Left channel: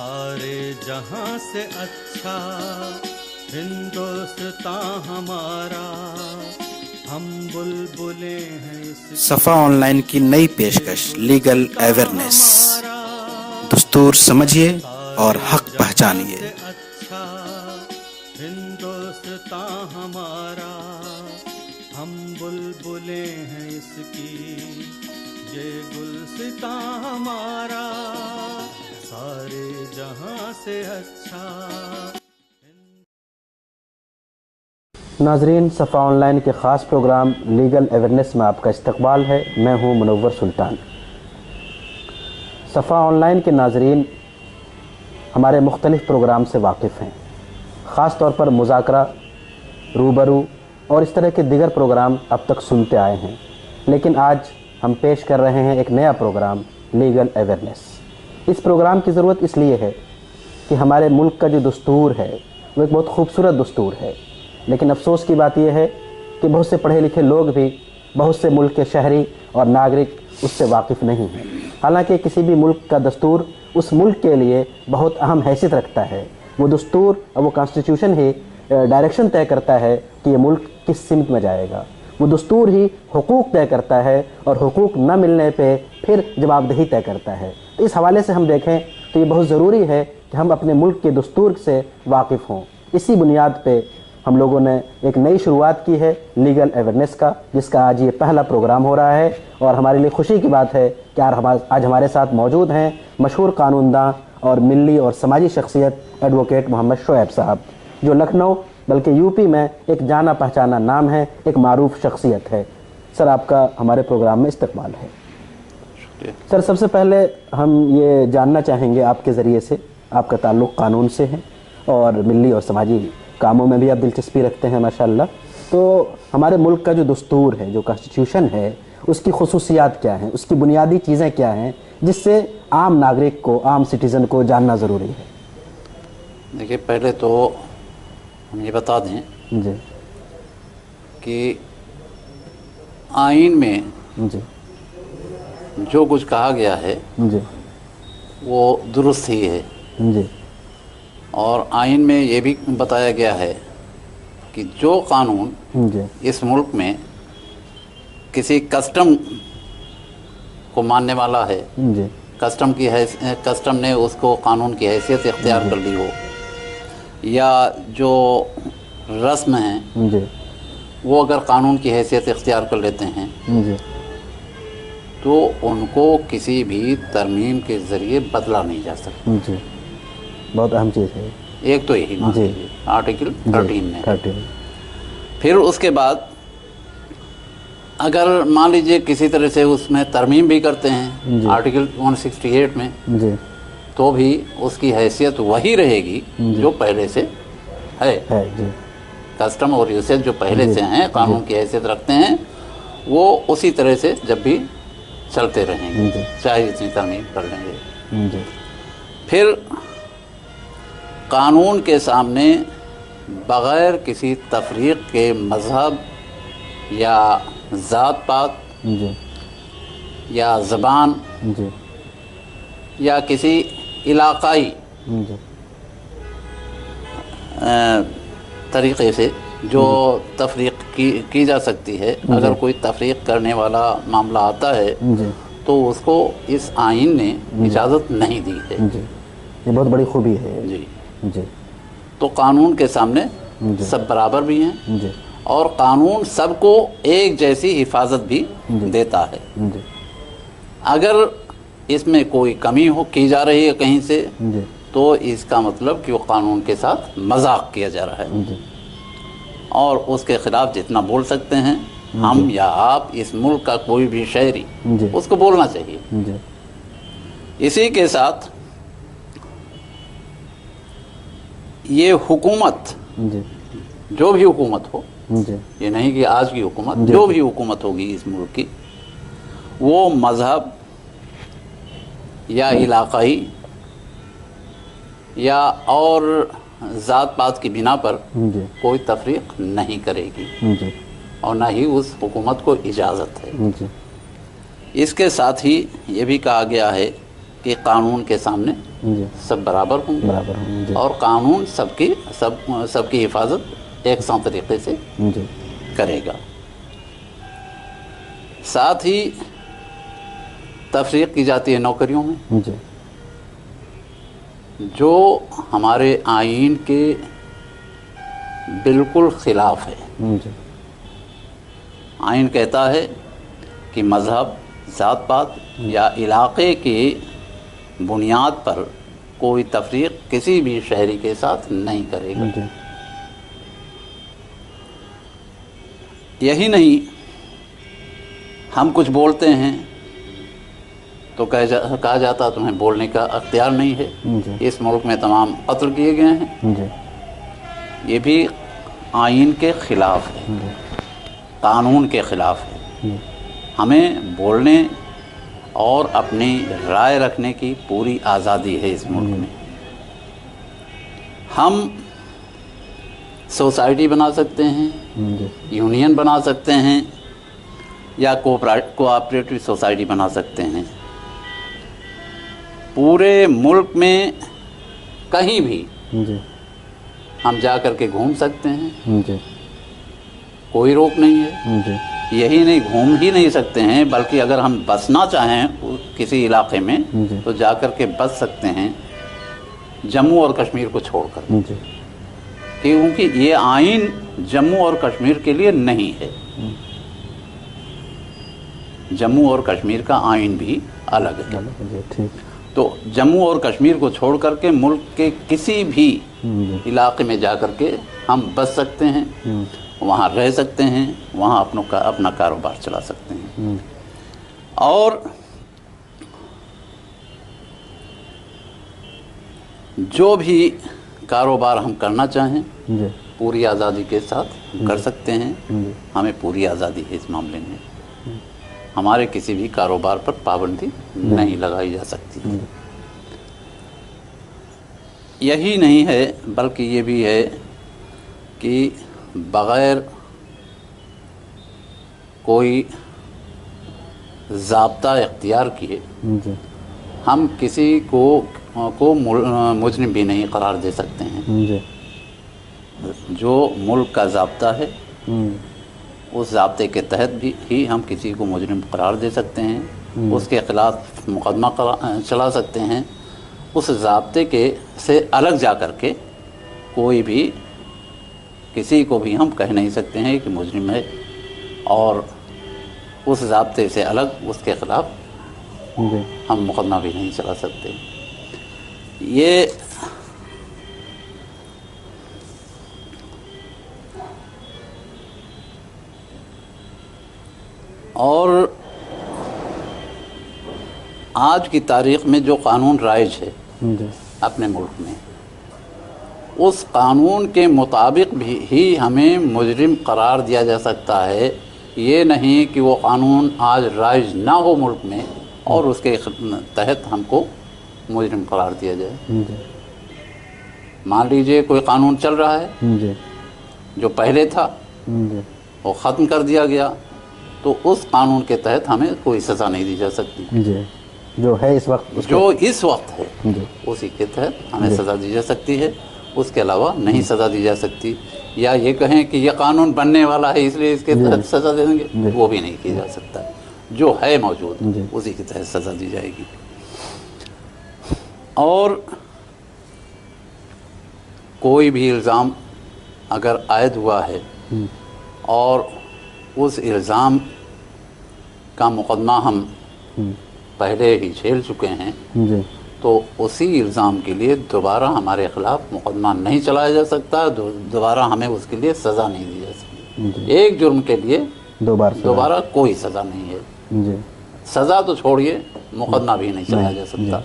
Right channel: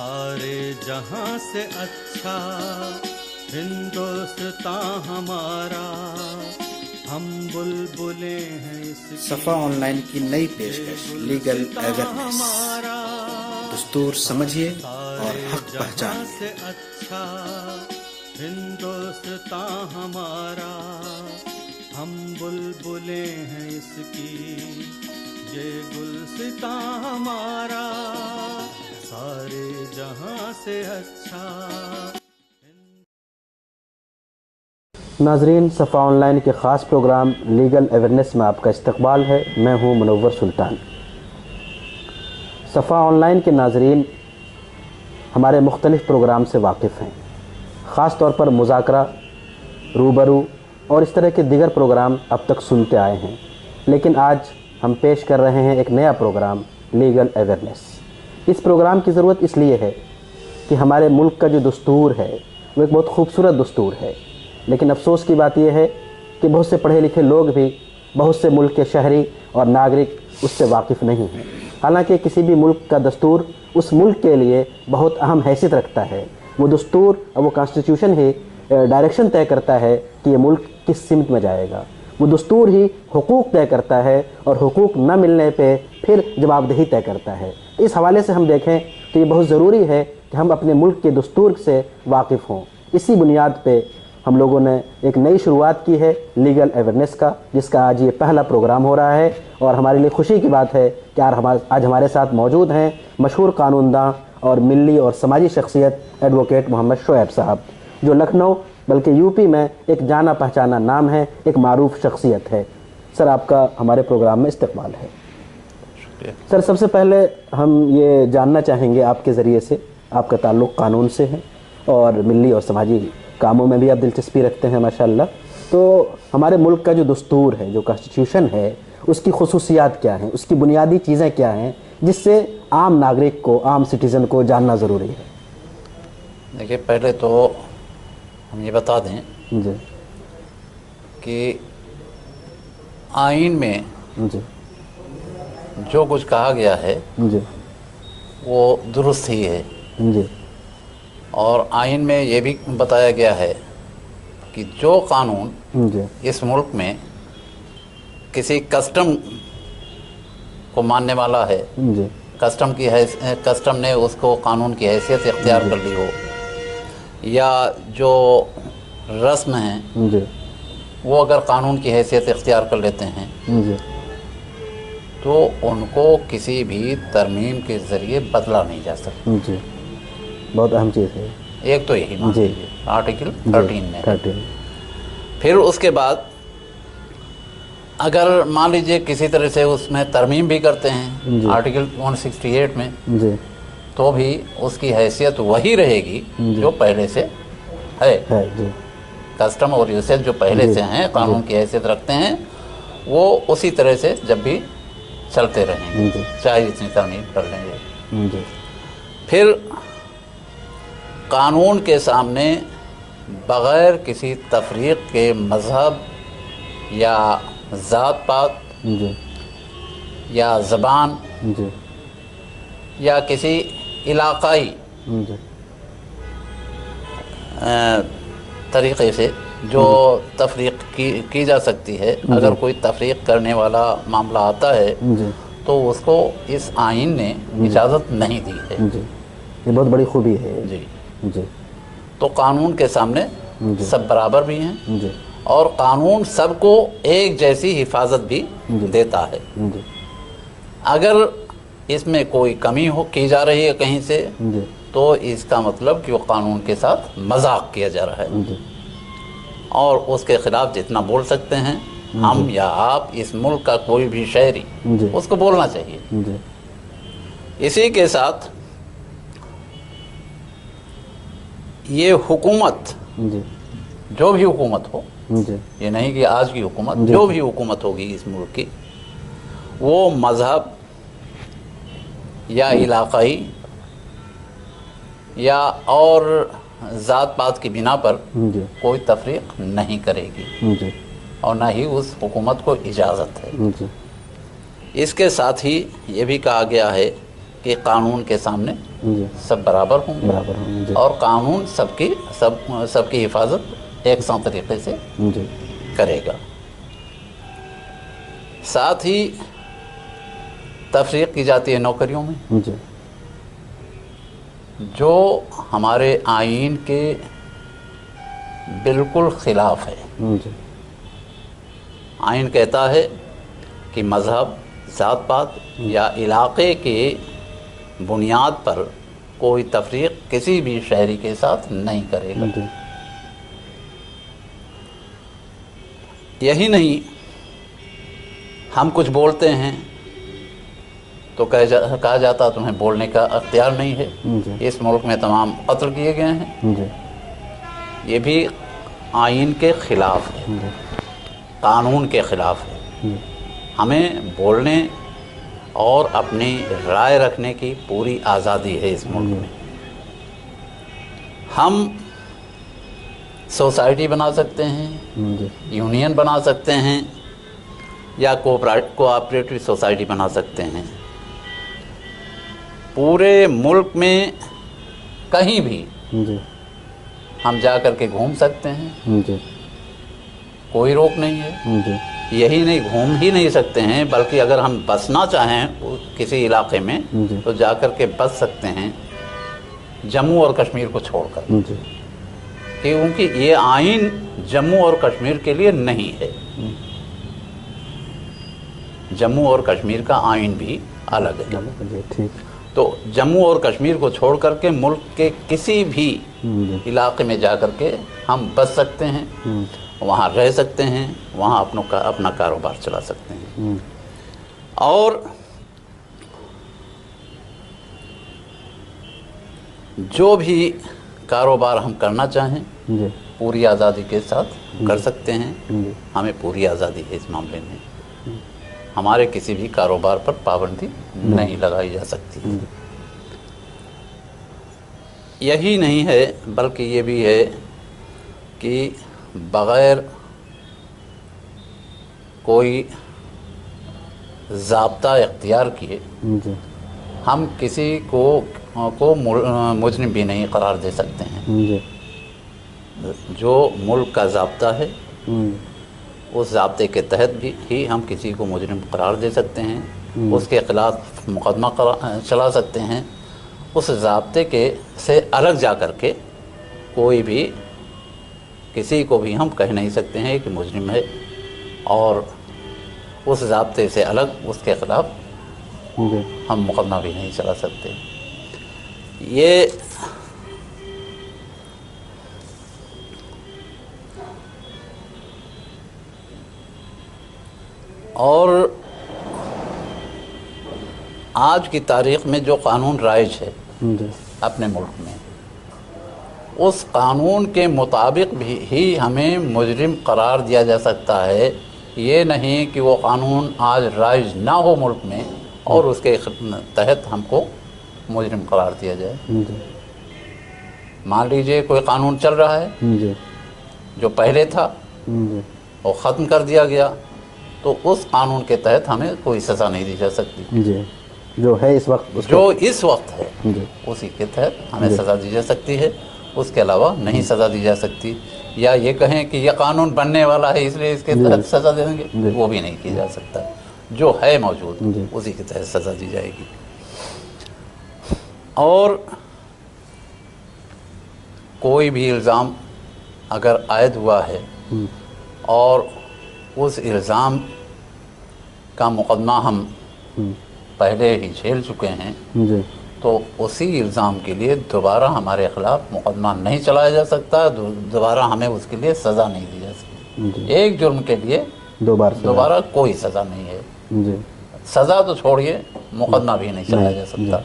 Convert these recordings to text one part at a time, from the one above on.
سارے جہاں سے اچھا ہندوستان ہمارا، ہم بلبلیں ہیں اس کی صفا آن لائن کی نئی پیشکش لیگل اویئرنیس، دستور سمجھیے اور حق پہچانیے۔ اچھا ہندوستان ہمارا، ہم بلبلیں ہیں اس کی، یہ گلستان ہمارا، سارے جہاں سے اچھا۔ ناظرین، صفا آن لائن کے خاص پروگرام لیگل اویئرنیس میں آپ کا استقبال ہے۔ میں ہوں منور سلطان۔ صفا آن لائن کے ناظرین ہمارے مختلف پروگرام سے واقف ہیں، خاص طور پر مذاکرہ، روبرو اور اس طرح کے دیگر پروگرام اب تک سنتے آئے ہیں، لیکن آج ہم پیش کر رہے ہیں ایک نیا پروگرام لیگل اویئرنیس۔ اس پروگرام کی ضرورت اس لیے ہے کہ ہمارے ملک کا جو دستور ہے وہ ایک بہت خوبصورت دستور ہے، لیکن افسوس کی بات یہ ہے کہ بہت سے پڑھے لکھے لوگ بھی، بہت سے ملک کے شہری اور ناگرک اس سے واقف نہیں ہیں، حالانکہ کسی بھی ملک کا دستور اس ملک کے لیے بہت اہم حیثیت رکھتا ہے۔ وہ دستور اور وہ کانسٹیٹیوشن ہی ڈائریکشن طے کرتا ہے کہ یہ ملک کس سمت میں جائے گا، وہ دستور ہی حقوق طے کرتا ہے اور حقوق نہ ملنے پہ پھر جوابدہی طے کرتا ہے۔ اس حوالے سے ہم دیکھیں تو یہ بہت ضروری ہے کہ ہم اپنے ملک کے دستور سے واقف ہوں۔ اسی بنیاد پہ ہم لوگوں نے ایک نئی شروعات کی ہے لیگل اویئرنیس کا، جس کا آج یہ پہلا پروگرام ہو رہا ہے، اور ہمارے لیے خوشی کی بات ہے کہ آج ہمارے ساتھ موجود ہیں مشہور قانون داں اور ملی اور سماجی شخصیت ایڈوکیٹ محمد شعیب صاحب، جو لکھنؤ بلکہ یو پی میں ایک جانا پہچانا نام ہے، ایک معروف شخصیت ہے۔ سر، آپ کا ہمارے پروگرام میں استقبال ہے۔ سر، سب سے پہلے ہم یہ جاننا چاہیں گے آپ کے ذریعے سے، آپ کا تعلق قانون سے ہے اور ملی اور سماجی کاموں میں بھی آپ دلچسپی رکھتے ہیں ماشاءاللہ، تو ہمارے ملک کا جو دستور ہے، جو کانسٹیٹیوشن ہے، اس کی خصوصیات کیا ہیں، اس کی بنیادی چیزیں کیا ہیں جس سے عام ناگرک کو، عام سٹیزن کو جاننا ضروری ہے؟ دیکھیے، پہلے تو ہم یہ بتا دیں جی کہ آئین میں جی جو کچھ کہا گیا ہے جی وہ درست ہی ہے، جی اور آئین میں یہ بھی بتایا گیا ہے کہ جو قانون جی اس ملک میں کسی کسٹم کو ماننے والا ہے، جی کسٹم نے اس کو قانون کی حیثیت اختیار کر لی ہو، یا جو رسم ہیں جی وہ اگر قانون کی حیثیت اختیار کر لیتے ہیں جی تو ان کو کسی بھی ترمیم کے ذریعے بدلا نہیں جا سکتا۔ جی، بہت اہم چیز ہے۔ ایک تو یہی مان جی لیجیے آرٹیکل 13 میں۔ 13۔ پھر اس کے بعد اگر مان لیجیے کسی طرح سے اس میں ترمیم بھی کرتے ہیں آرٹیکل 168 میں، جی تو بھی اس کی حیثیت وہی رہے گی جو پہلے سے ہے۔ جی کسٹم اور یوسیج جو پہلے سے ہیں، قانون کی حیثیت رکھتے ہیں، وہ اسی طرح سے جب بھی چلتے رہیں گے، چاہے اتنی ترمیم کر لیں گے۔ جی پھر قانون کے سامنے بغیر کسی تفریق کے مذہب یا ذات پات جی یا زبان جی یا کسی علاقائی جی طریقے سے جو تفریق کی جا سکتی ہے، اگر کوئی تفریق کرنے والا معاملہ آتا ہے تو اس کو اس آئین نے اجازت نہیں دی ہے۔ جی، یہ بہت بڑی خوبی ہے۔ جی جی تو قانون کے سامنے سب برابر بھی ہیں، جی اور قانون سب کو ایک جیسی حفاظت بھی دیتا ہے۔ جی اگر اس میں کوئی کمی کی جا رہی ہے کہیں سے، جی تو اس کا مطلب کہ وہ قانون کے ساتھ مذاق کیا جا رہا ہے، جی اور اس کے خلاف جتنا بول سکتے ہیں ہم یا آپ، اس ملک کا کوئی بھی شہری، اس کو بولنا چاہیے۔ جی اسی کے ساتھ یہ حکومت، جی جو بھی حکومت ہو، جی یہ نہیں کہ آج کی حکومت، جو بھی حکومت ہوگی اس ملک کی، وہ مذہب یا علاقائی یا اور ذات پات کی بنا پر جی کوئی تفریق نہیں کرے گی، جی اور نہ ہی اس حکومت کو اجازت ہے۔ جی اس کے ساتھ ہی یہ بھی کہا گیا ہے کہ قانون کے سامنے جی سب برابر ہوں گے برابر ہوں جی اور قانون سب کی حفاظت یکساں طریقے سے جی کرے گا. ساتھ ہی تفریق کی جاتی ہے نوکریوں میں جی جو ہمارے آئین کے بالکل خلاف ہے. جی آئین کہتا ہے کہ مذہب، ذات پات یا علاقے کی بنیاد پر کوئی تفریق کسی بھی شہری کے ساتھ نہیں کرے گا. جی یہی نہیں، ہم کچھ بولتے ہیں تو کہا جاتا تمہیں بولنے کا اختیار نہیں ہے. جی اس ملک میں تمام قتل کیے گئے ہیں. جی یہ بھی آئین کے خلاف ہے، قانون کے خلاف ہے. ہمیں بولنے اور اپنی رائے رکھنے کی پوری آزادی ہے اس ملک میں. ہم سوسائٹی بنا سکتے ہیں، جی یونین بنا سکتے ہیں یا کوآپریٹو سوسائٹی بنا سکتے ہیں. پورے ملک میں کہیں بھی جی ہم جا کر کے گھوم سکتے ہیں، جی کوئی روک نہیں ہے. جی یہی نہیں، گھوم ہی نہیں سکتے ہیں بلکہ اگر ہم بسنا چاہیں کسی علاقے میں جی تو جا کر کے بس سکتے ہیں جموں اور کشمیر کو چھوڑ کر، جی کیونکہ یہ آئین جموں اور کشمیر کے لیے نہیں ہے. جموں اور کشمیر کا آئین بھی الگ ہے. جی ٹھیک تو جموں اور کشمیر کو چھوڑ کر کے ملک کے کسی بھی جی علاقے میں جا کر کے ہم بس سکتے ہیں، وہاں رہ سکتے ہیں، وہاں اپنا کاروبار چلا سکتے ہیں. اور جو بھی کاروبار ہم کرنا چاہیں جی پوری آزادی کے ساتھ کر سکتے ہیں. جی ہمیں پوری آزادی ہے اس معاملے میں. ہمارے کسی بھی کاروبار پر پابندی نہیں لگائی جا سکتی. یہی نہیں ہے بلکہ یہ بھی ہے کہ بغیر کوئی ضابطہ اختیار کیے جی ہم کسی کو مجرم بھی نہیں قرار دے سکتے ہیں. جی جو ملک کا ضابطہ ہے اس ضابطے کے تحت بھی ہی ہم کسی کو مجرم قرار دے سکتے ہیں، اس کے خلاف مقدمہ چلا سکتے ہیں. اس ضابطے سے الگ جا کر کے کوئی بھی کسی کو بھی ہم کہہ نہیں سکتے ہیں کہ مجرم ہے، اور اس ضابطے سے الگ اس کے خلاف جی ہم مقدمہ بھی نہیں چلا سکتے. یہ اور آج کی تاریخ میں جو قانون رائج ہے جی اپنے ملک میں، اس قانون کے مطابق بھی ہی ہمیں مجرم قرار دیا جا سکتا ہے. یہ نہیں کہ وہ قانون آج رائج نہ ہو ملک میں اور اس کے تحت ہم کو مجرم قرار دیا جائے. جی مان لیجئے کوئی قانون چل رہا ہے جی جو پہلے تھا جی وہ ختم کر دیا گیا، تو اس قانون کے تحت ہمیں کوئی سزا نہیں دی جا سکتی. جی جو ہے اس وقت جو اس وقت ہے جی اسی کے تحت ہمیں سزا دی جا سکتی ہے، اس کے علاوہ نہیں سزا دی جا سکتی. یا یہ کہیں کہ یہ قانون بننے والا ہے اس لیے اس کے تحت سزا دیں گے، وہ بھی نہیں کیا جا سکتا. جو ہے موجود اسی کے تحت سزا دی جائے گی. اور کوئی بھی الزام اگر عائد ہوا ہے اور اس الزام کا مقدمہ ہم پہلے ہی جھیل چکے ہیں جی تو اسی الزام کے لیے دوبارہ ہمارے خلاف مقدمہ نہیں چلایا جا سکتا، دوبارہ ہمیں اس کے لیے سزا نہیں دی جا سکتی. ایک جرم کے لیے دوبارہ کوئی سزا نہیں ہے. جی سزا تو چھوڑیے، مقدمہ بھی نہیں چلایا جا سکتا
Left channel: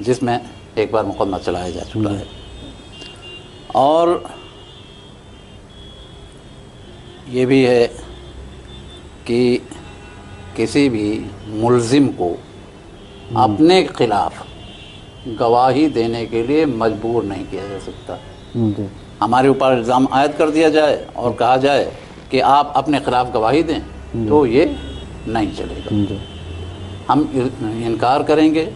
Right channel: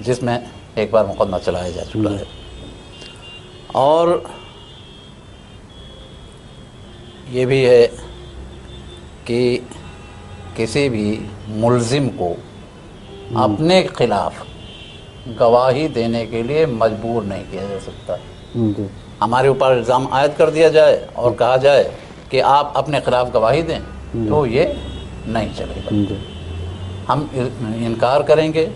جس میں ایک بار مقدمہ چلایا جا چکا ہے. اور یہ بھی ہے کہ کسی بھی ملزم کو اپنے خلاف گواہی دینے کے لیے مجبور نہیں کیا جا سکتا. جی ہمارے اوپر الزام عائد کر دیا جائے اور کہا جائے کہ آپ اپنے خلاف گواہی دیں تو یہ نہیں چلے گا. جی ہم انکار کریں گے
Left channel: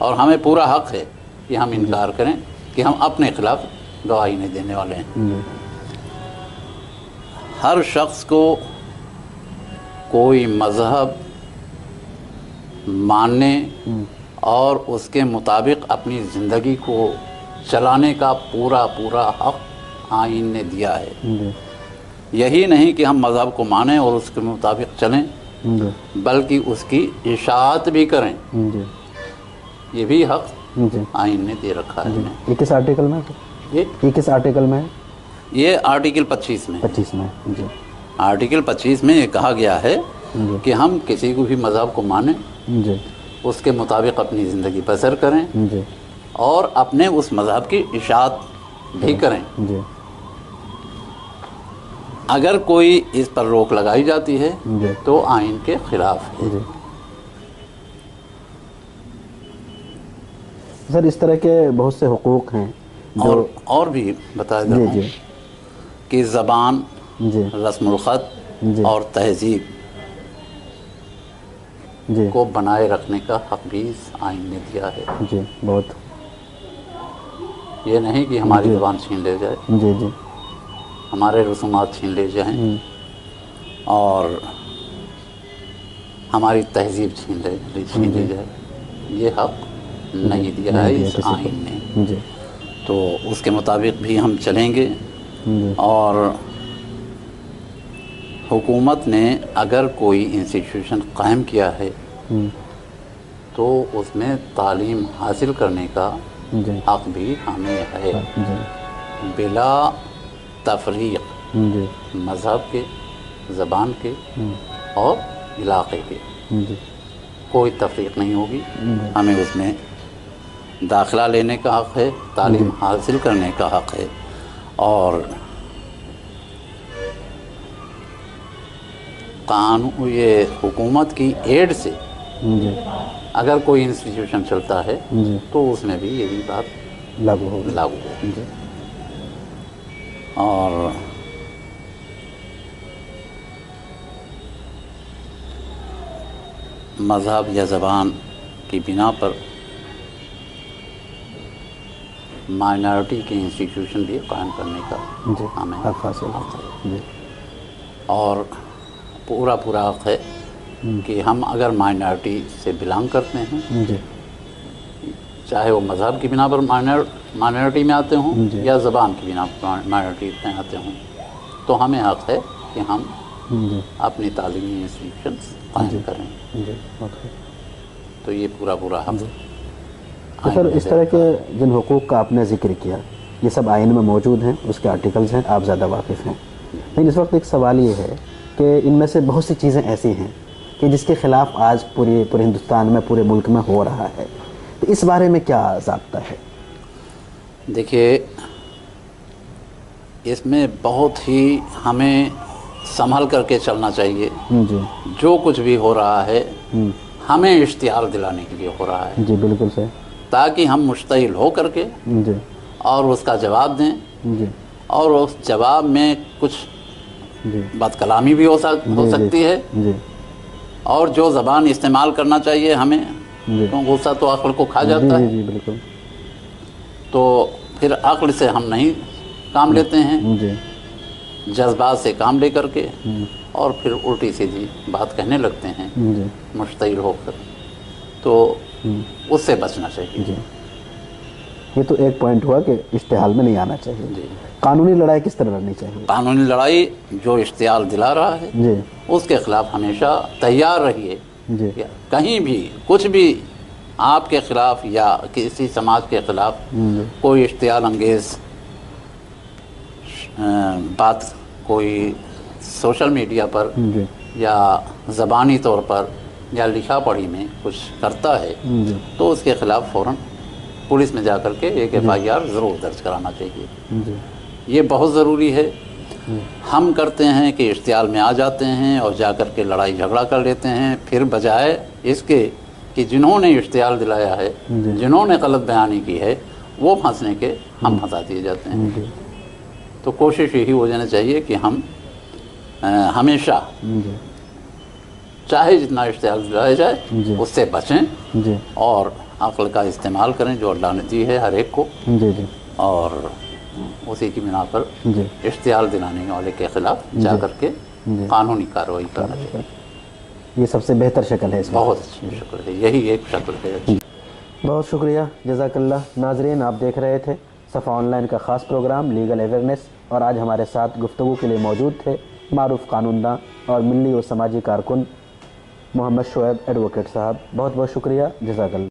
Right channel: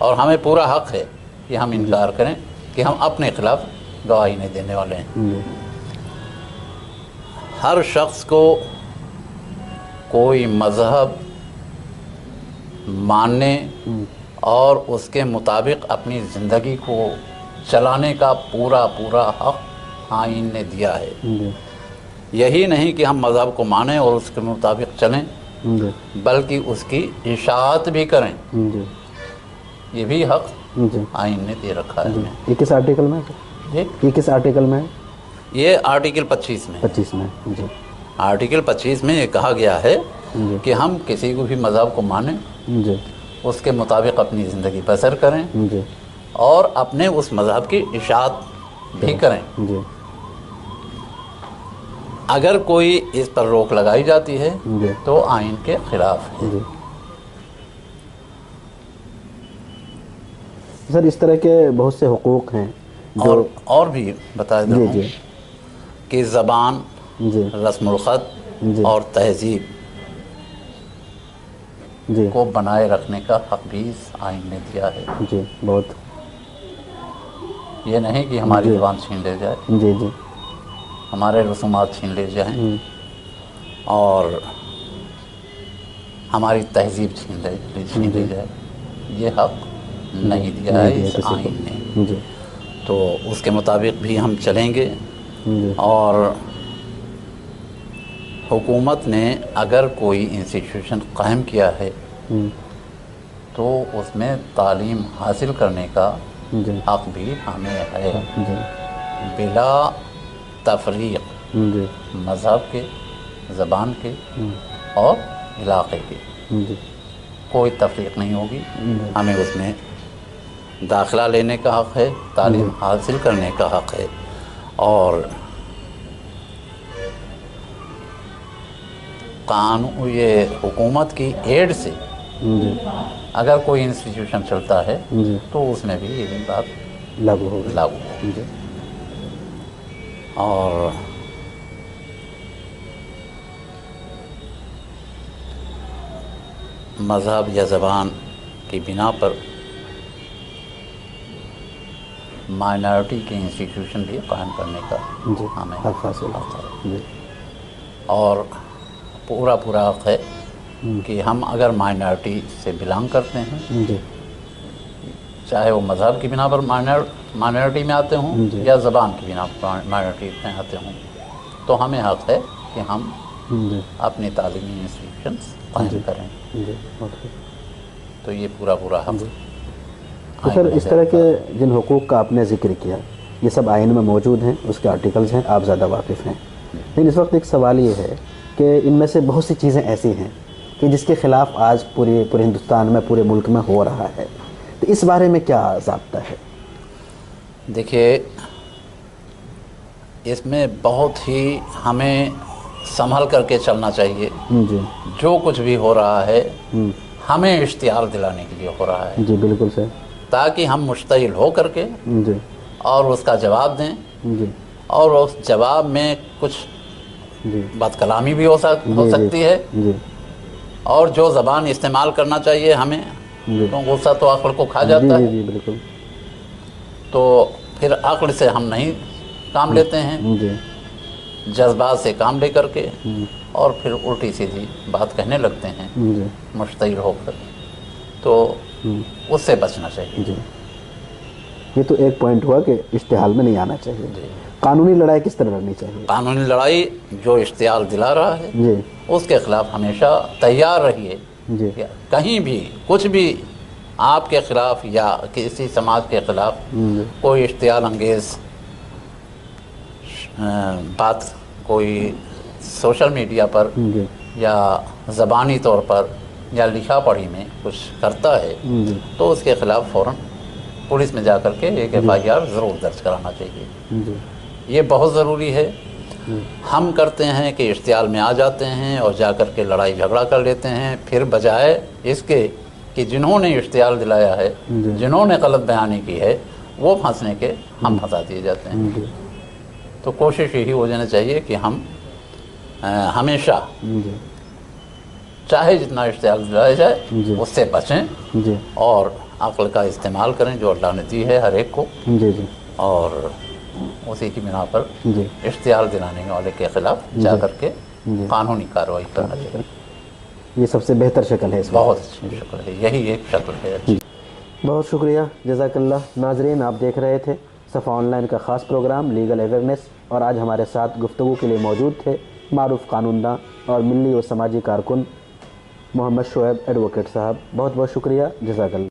اور ہمیں پورا حق ہے کہ ہم انکار کریں کہ ہم اپنے خلاف گواہی نہیں دینے والے ہیں۔ ہر شخص کو کوئی مذہب ماننے اور اس کے مطابق اپنی زندگی کو چلانے کا پورا حق آئین نے دیا ہے۔ یہی نہیں کہ ہم مذہب کو مانیں اور اس کے مطابق چلیں، بلکہ اس کی اطاعت بھی کریں، یہ بھی حق آئین نے دے رکھا ہے۔ یہ کس آرٹیکل میں ہے؟ یہ کس آرٹیکل میں ہے؟ یہ آرٹیکل 25 میں، 25 میں جی۔ آرٹیکل 25 میں یہ کہا گیا ہے کہ ہم کسی کو بھی مذہب کو مانیں، جی اس کے مطابق اپنی زندگی بسر کریں جی اور اپنے اس مذہب کی اطاعت بھی کریں۔ جی اگر کوئی اس پر روک لگائی جاتی ہے جی تو آئین کے خلاف ہے۔ جی سر، اس طرح کے بہت سے حقوق ہیں جو اور بھی بتا جی دوں جی کہ زبان، جی رسم الخط جی اور تہذیب جی کو بنائے رکھنے کا حق بھی اس آئین نے دیا ہے۔ جی بہت یہ نہیں کہ ہماری زبان چھین لے جائے، جی جی ہمارے رسومات چھین لے جائیں اور ہماری تہذیب چھین لی جائے، یہ حق نہیں دیا ہے اس آئین نے۔ جی تو اس کے مطابق بھی ہم چلیں گے۔ جی اور حکومت نے اگر کوئی انسٹیٹیوشن قائم کیا ہے تو اس میں تعلیم حاصل کرنے کا جی حق بھی ہمیں ہے، جی بلا تفریق، جی مذہب کے، زبان کے اور علاقے کے، جی کوئی تفریق نہیں ہوگی۔ ہمیں اس میں داخلہ لینے کا حق ہے، تعلیم حاصل کرنے کا حق ہے، اور قانون، یہ حکومت کی ایڈ سے جی اگر کوئی انسٹیٹیوشن چلتا ہے جی تو اس میں بھی یہی بات لاگو ہوگا۔ لاگو ہے۔ جی اور مذہب یا زبان کی بنا پر مائنارٹی کے انسٹیٹیوشن بھی قائم کرنے کا جی ہمیں حق حاصل ہے۔ جی اور پورا حق ہے کہ ہم اگر مائنارٹی سے بلانگ کرتے ہیں، جی چاہے وہ مذہب کی بنا پر مائنارٹی میں آتے ہوں جی یا زبان کی بنا پر مائنارٹی میں آتے ہوں، تو ہمیں حق ہے کہ ہم جی اپنی تعلیمی انسٹیٹیوشنس قائم کریں۔ جی اوکے۔ تو یہ پورا حق تو سر، اس طرح کے جن حقوق کا آپ نے ذکر کیا، یہ سب آئین میں موجود ہیں، اس کے آرٹیکلز ہیں، آپ زیادہ واقف ہیں، لیکن اس وقت ایک سوال یہ ہے کہ ان میں سے بہت سی چیزیں ایسی ہیں کہ جس کے خلاف آج پورے ہندوستان میں، پورے ملک میں ہو رہا ہے، تو اس بارے میں کیا ضابطہ ہے؟ دیکھیے، اس میں بہت ہی ہمیں سنبھل کر کے چلنا چاہیے۔ جی جو کچھ بھی ہو رہا ہے ہمیں اشتعال دلانے کے لیے ہو رہا ہے، جی بالکل صحیح۔ تاکہ ہم مشتعل ہو کر کے جی اور اس کا جواب دیں، جی اور اس جواب میں کچھ جی بات کلامی بھی ہو سکتی ہے، جی اور جو زبان استعمال کرنا چاہیے ہمیں، جی تو غصہ تو عقل کو کھا جی جاتا ہے، جی بالکل۔ تو پھر عقل سے ہم نہیں کام لیتے ہیں، جی جذبات سے کام لے کر کے، اور پھر الٹی سیدھی بات کہنے لگتے ہیں جی مشتعل ہو کر، تو اس سے بچنا چاہیے۔ جی یہ تو ایک پوائنٹ ہوا کہ اشتعال میں نہیں آنا چاہیے۔ جی، قانونی لڑائی کس طرح لڑنی چاہیے؟ قانونی لڑائی جو اشتعال دلا رہا ہے جی اس کے خلاف ہمیشہ تیار رہیے۔ جی کہیں بھی کچھ بھی آپ کے خلاف یا کسی سماج کے خلاف کوئی اشتعال انگیز بات کوئی سوشل میڈیا پر جی یا زبانی طور پر یا لکھا پڑھی میں کچھ کرتا ہے جی تو اس کے خلاف فوراً پولیس میں جا کر کے ایک FIR ضرور درج کرانا چاہیے۔ جی یہ بہت ضروری ہے۔ ہم کرتے ہیں کہ اشتعال میں آ جاتے ہیں اور جا کر کے لڑائی جھگڑا کر لیتے ہیں، پھر بجائے اس کے کہ جنہوں نے اشتعال دلایا ہے، جنہوں نے غلط بیانی کی ہے، وہ پھنسنے کے ہم پھنسا دیے جاتے ہیں۔ جی تو کوشش یہی ہو جانا چاہیے کہ ہم ہمیشہ جی چاہے جتنا اشتعال دلایا جائے جی اس سے بچیں جی اور عقل کا استعمال کریں جو اللہ نے دی ہے ہر ایک کو، جی جی اور اسی کی بنا پر جی اشتعال دلانے والے کے خلاف جا کر کے قانونی کارروائی کرنا چاہیے۔ یہ سب سے بہتر شکل ہے اس میں۔ بہت اچھی شکل ہے، یہی ایک شکل ہے اچھی۔ بہت شکریہ، جزاک اللہ۔ ناظرین، آپ دیکھ رہے تھے صفا آن لائن کا خاص پروگرام لیگل اویئرنیس، اور آج ہمارے ساتھ گفتگو کے لیے موجود تھے معروف قانون داں اور ملی و سماجی کارکن محمد شعیب ایڈوکیٹ صاحب۔ بہت بہت شکریہ، جزاک اللہ۔